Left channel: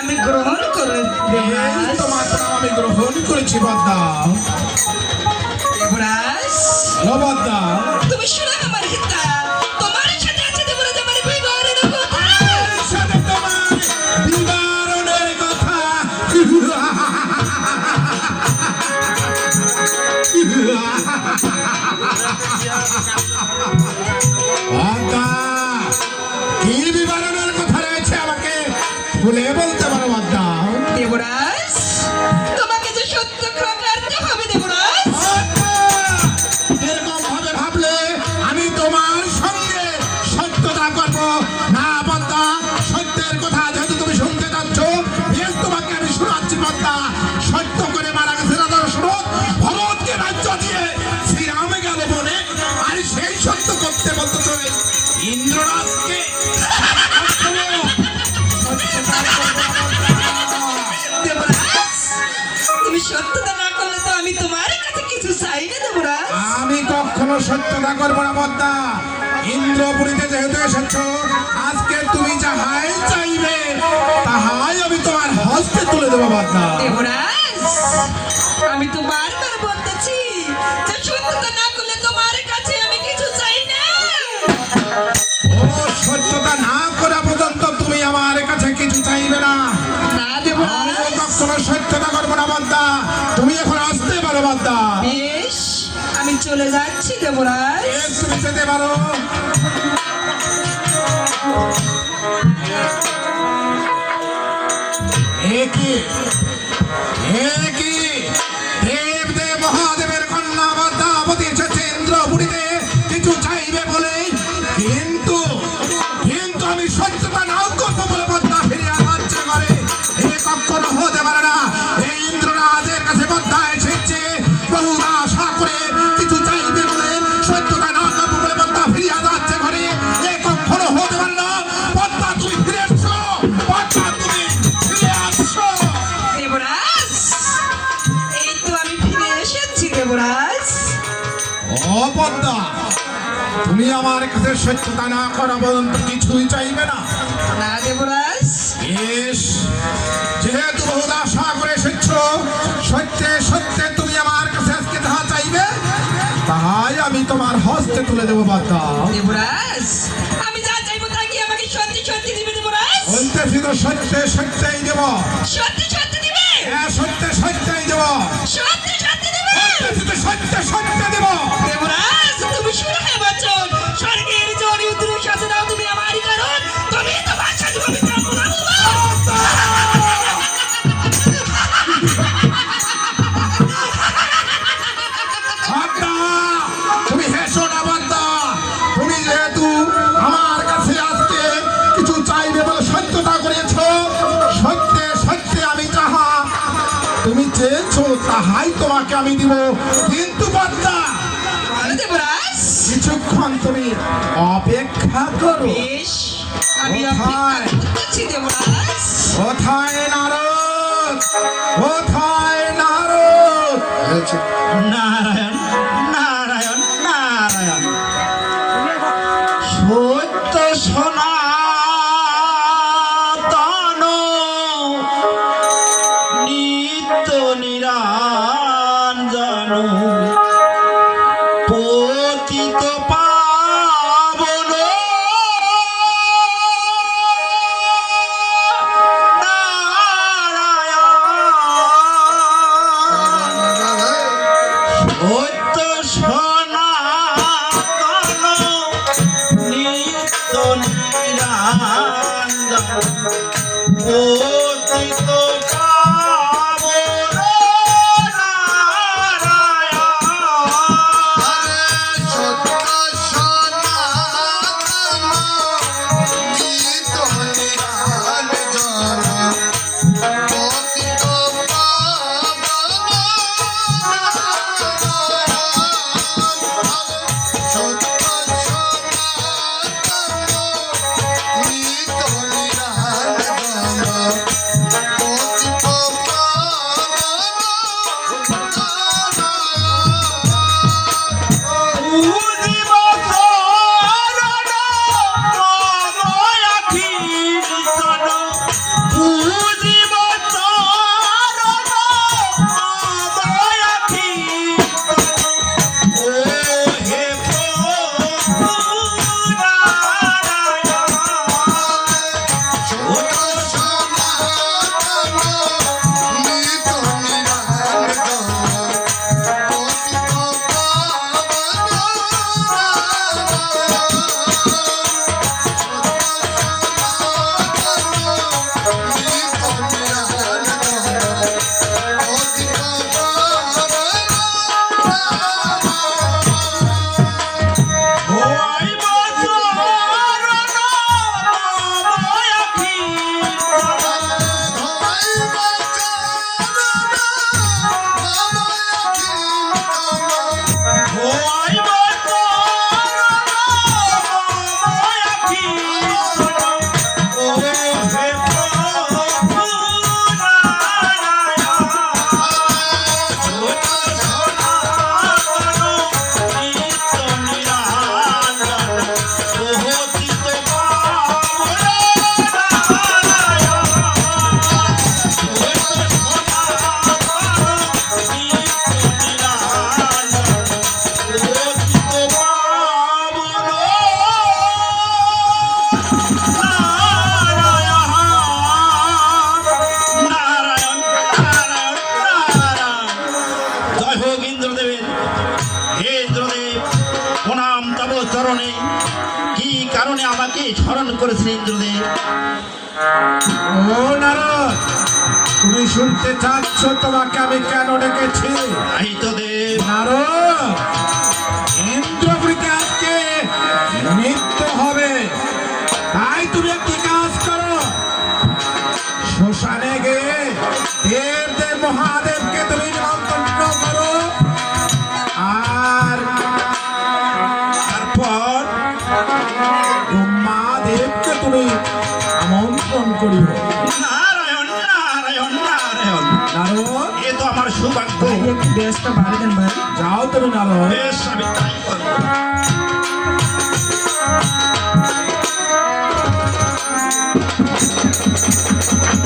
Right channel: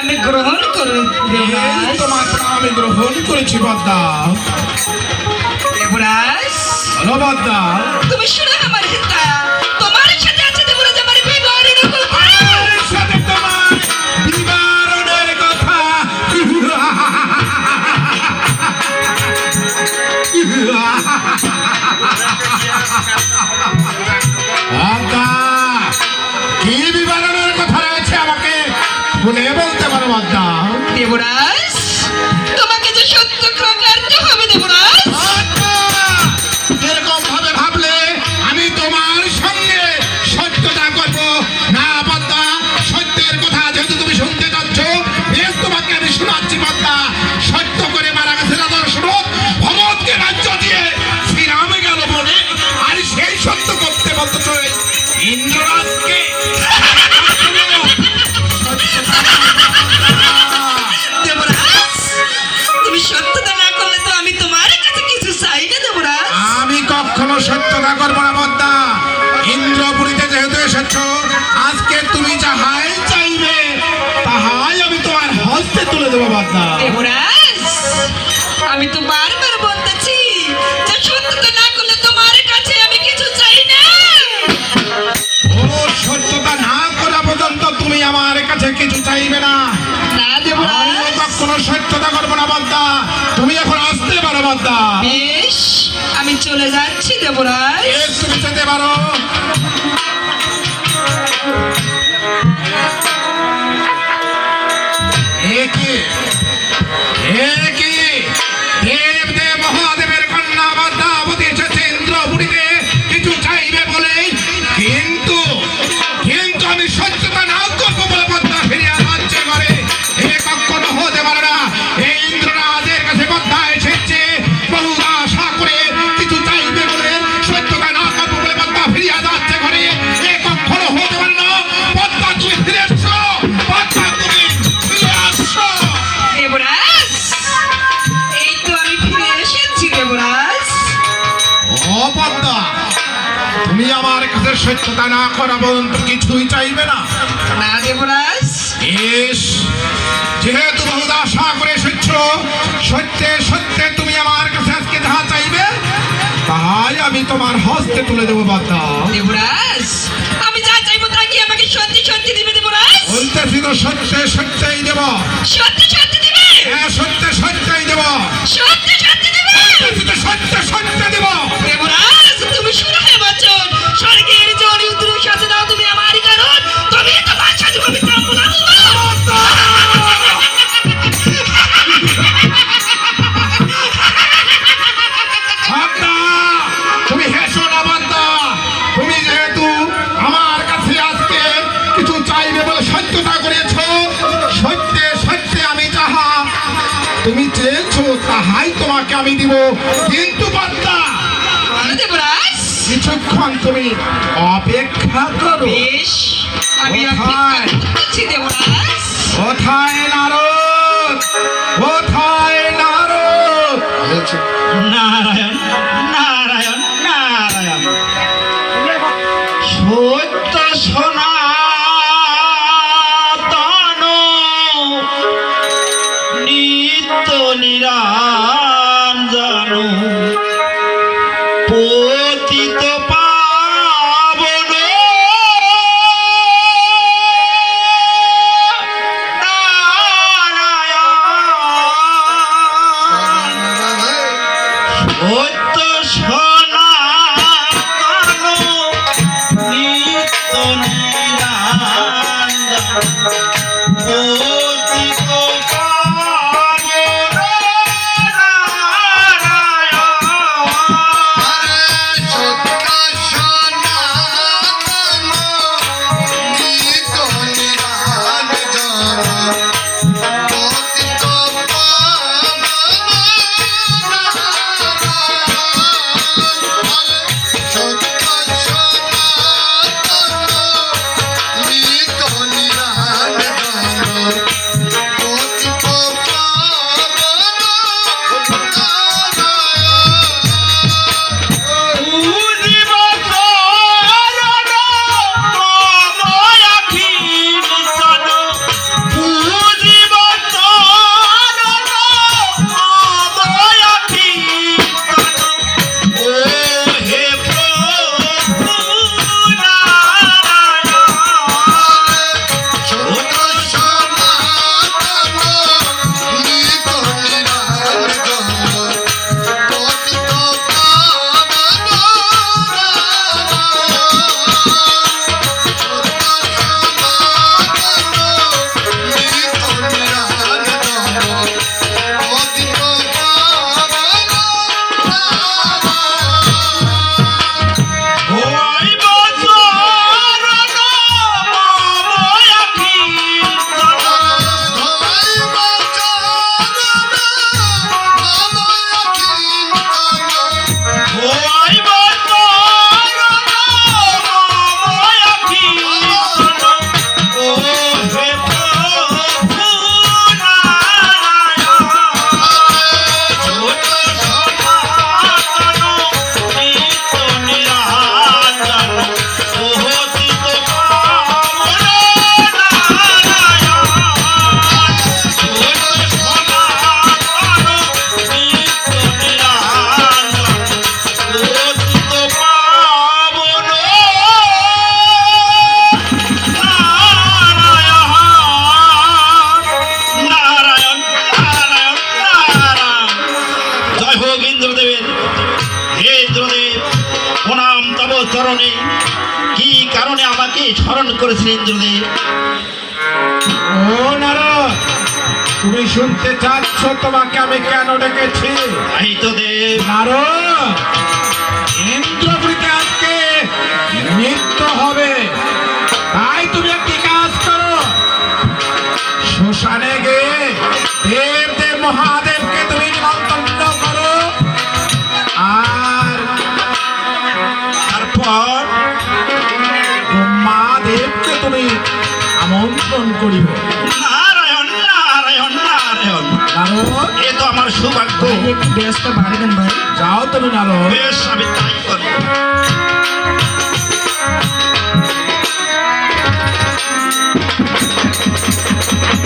আমি গ্রহণ করে এই তোমার প্রণাম আমি গ্রহণ করেছি বদ্দা। দেবরাজ হ্যালো বদ্দা। তুমি শুনো আমার কথা, তোমার সাথে আছে দেবরাজ আমার বিবাহের কথা। আমার সাথে তোমার বিবরণের কথা। বদ্দা, কি বিবরণের কথা রয়েছে আমাকে খুলে বলতে পারো বদ্দা? দেবরাজ তোমাকে যে সত্য করতে হবে দেবরাজ। এরকম ভাবে ভাবলে আমি তোমার সঙ্গে সত্যতা করব না বদ্দা। সত্যের কথা যেহেতু তুমি শুনতে চাচ্ছ, বেশ তোমাকে আমি শোনাচ্ছি বদ্দা। সত্য করে মারা গেছে রাজা দশরথ, ভরতকে রাজ্য দিয়ে শ্রীরামে গেল বনে, আর সেই সত্য করতে বলতে চাই ইন্দ্ররাজকে। দেবরাজ তুমি সত্যতা না করলে তো আমি তোমার কাছে কিছু চাই না দেবরাজ। আমি কখনো সত্যতা করবো না বদ্দা। ইন্দ্রপুরীতে যেহেতু এসেছ, আজকে তুমি যাহাই চাইবে তাহাই আমি তোমার হস্তে তুলে দেবো বদ্দা। দেবরাজ আমি তো বারবার বলতেছি যে সত্যতা না করলে তোমার কাছে আমি কিছু চাই না। ও সত্যতা না করা পর্যন্ত তুমি আমার কাছে কিছু চাইবে না। না দেবরাজ। আমিও কখনো সত্যতা করবো না বদ্দা। তুমি এখন আসতে পারো বদ্দা। বেশ আমি চলে যাচ্ছি দেবরাজ। এর তুমি যেতে পারো। একে দেব দেব মহাদেবের কন্যা পদ্মাবতী এসেছে ইন্দ্রপুরীতে কিছু চাইবে বলে, কিন্তু কিন্তু আমি সত্যতা না করবো বলে পদ্মা ফিরিয়ে যাচ্ছে করে। এ কখনো হতে পারে না। এই ইন্দ্ররাজের কাছে পদ্মা এসেছে বহু আশা করে কিছু চাইবে বলে, সত্যতা না করবো বলে পদ্মা ফিরিয়ে যাচ্ছে করে। এ কখনো হতে পারে না। পদ্মা তুমি ফিরে এসছো, পদ্মা তুমি ফিরে আসছো। দেবরাজ এই তো আমি ফিরে এসেছি দেবরাজ। ও পদ্মা, তুমি আমার কাছে সত্যতা না করা পর্যন্ত কিছুই চাইবে না? না দেবরাজ। বেশ, যেহেতু বহু আশা করে এসেছ, সত্যে সত্যে তুমি আমার কাছে আজকে যাহা চাইবে তাহাই আমি তোমার হস্তে তুলে দেবো পদ্মা। দেবরাজ আমি যা চাইবো তা কি আমাকে সত্যি সত্যি দিবে দেবরাজ? বলতেছি তো সত্যে সত্যই দেব। সত্যি সত্যি দিবে? হ্যাঁ, সত্যে সত্যই দেব। সত্যি সত্যি দিবে? বলতেছি তো সত্যে সত্যি দেব। দেবরাজ তুমি শুনো হে বচন, স্বর্গের জড়ি উদ্রু সাথে দাও তুমি আমারই কারণ, তুমি তো বাচ্চা তুমি ব্রাহ্মণ। পদ্মা, তুমি হেসো না পদ্মা। তুমি যেহেতু আমার কাছে আজকে কিছু চাইবে বলে সত্যতা করেছ, সত্যে সত্যে আমি যাহা তুমি চেয়েছো তাহাই তোমাকে আমি দিব। কিন্তু পদ্মা, বলো দেবরাজ। কিছুক্ষণ তুমি অপেক্ষা করো। বেশ আমি অপেক্ষা করছি দেবরাজ। কোথায় নারদ? কোথায় নারদ? নারায়ণ নারায়ণ নারায়ণ। সত্য সনাতন নিত্য নিরঞ্জন পতিত পাবন সত্য সনাতন নিত্য নিরঞ্জন পতিত পাবন Sotto করেছেন ইন্দ্রদেব। ও নারদ, তুমি শুনতে চাচ্ছ তোমাকে আমি কেন ডেকেছি? তাই তো দেব। নারদ, ইন্দ্রপুরীতে আজকে নৃত্য হবে, তাই তুমি একটি কাজ করো, শ্মশানে গিয়ে দেব মহাদেবকে তুমি নিমন্ত্রণ করো, আর তারপর ব্রহ্মাদেবকে তুমি আমন্ত্রণ করিব। নারায়ণ নারায়ণ নারায়ণ, নারদ, এ তো আমার সৌভাগ্য। একটু বেশটা বাড়ে দেন ভাই। যাও তুমি নারদ। বেশ, আমি তাই